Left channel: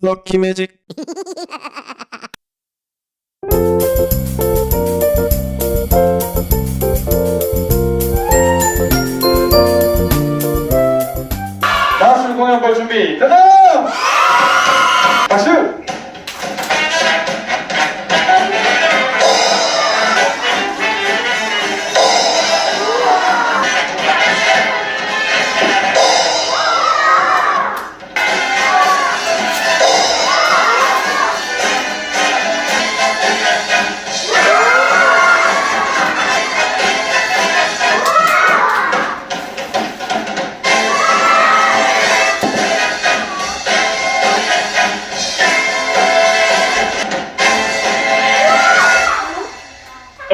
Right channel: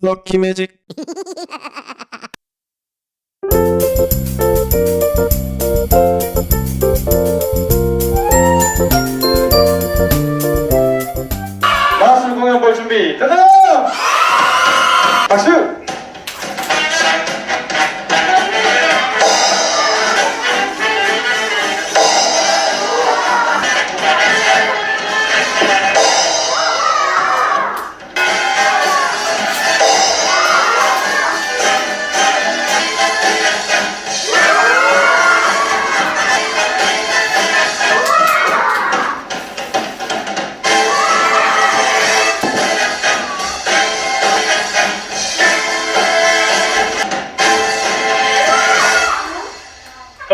럭키 매직 마술 공연 볼 준비. 가자 박수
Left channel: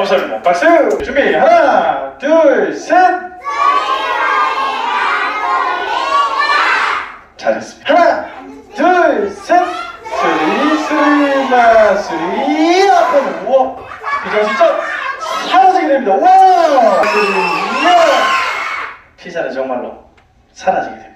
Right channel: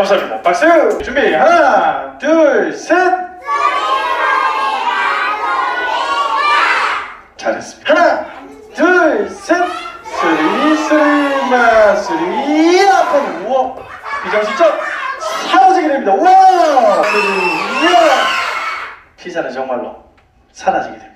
감사합니다 박수. 준비. 하나 둘 셋. 잘했습니다. 하나 둘셋. 스리 스리 마스리 아빠는 우와. 비정신처럼 사라지게 됩니다. 우와. 피자는 정말로 사라지게 됩니다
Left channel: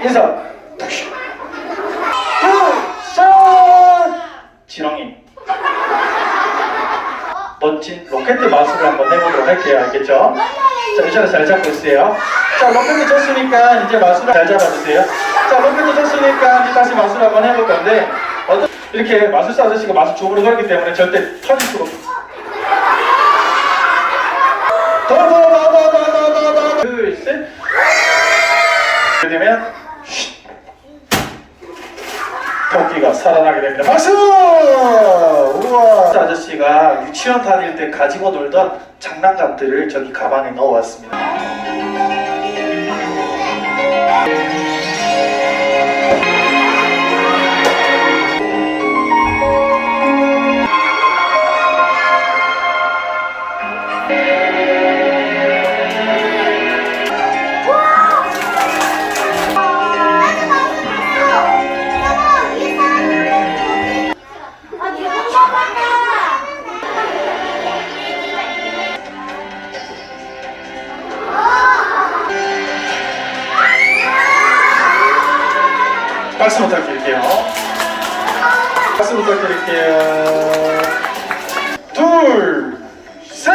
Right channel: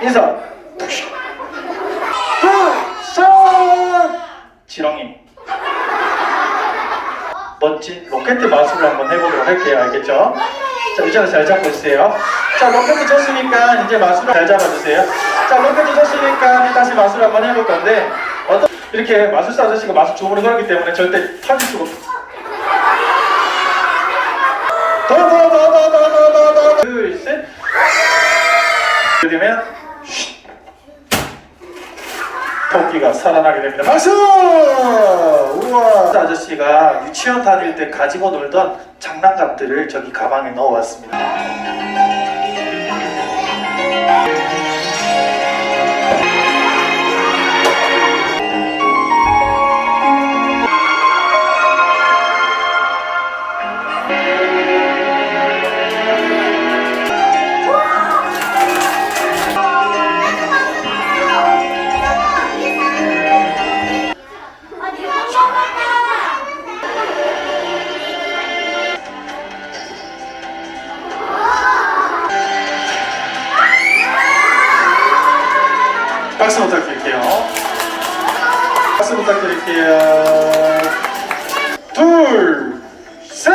인사 굿 지렁이 멋진 로켓 마술을 한번 해보도록 할게요 알겠죠? 자 의자를 잘 잡고 있으세요 자 로켓이 쳤으니까 이제 마술을 잘 잡아주세요 자 로켓이 쳤으니까 다시 마술 한번 해볼 건데 어떤 이렇게 마술사 아저씨가 마술 주문을 걸기 때문에 절대 터질 수가 없어요 더 더 더 더 더 더더 둘셋 되면 토끼가 살아나게 됩니다. 박수! 우와! 아저씨가 유치원 다닐 때 가지고 놀던 장난감들을 저기 가방에 넣어왔습니다. 박수 부탁드릴게요. 박수 부탁드릴게요. 둘, 셋!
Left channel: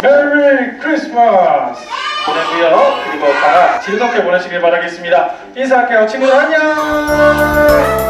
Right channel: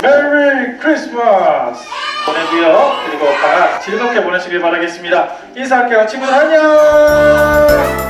메리 크리스마스! 보내고요. 그리고 다 즐겁게 보내시길 바라겠습니다. 인사할게요. 친구들 안녕!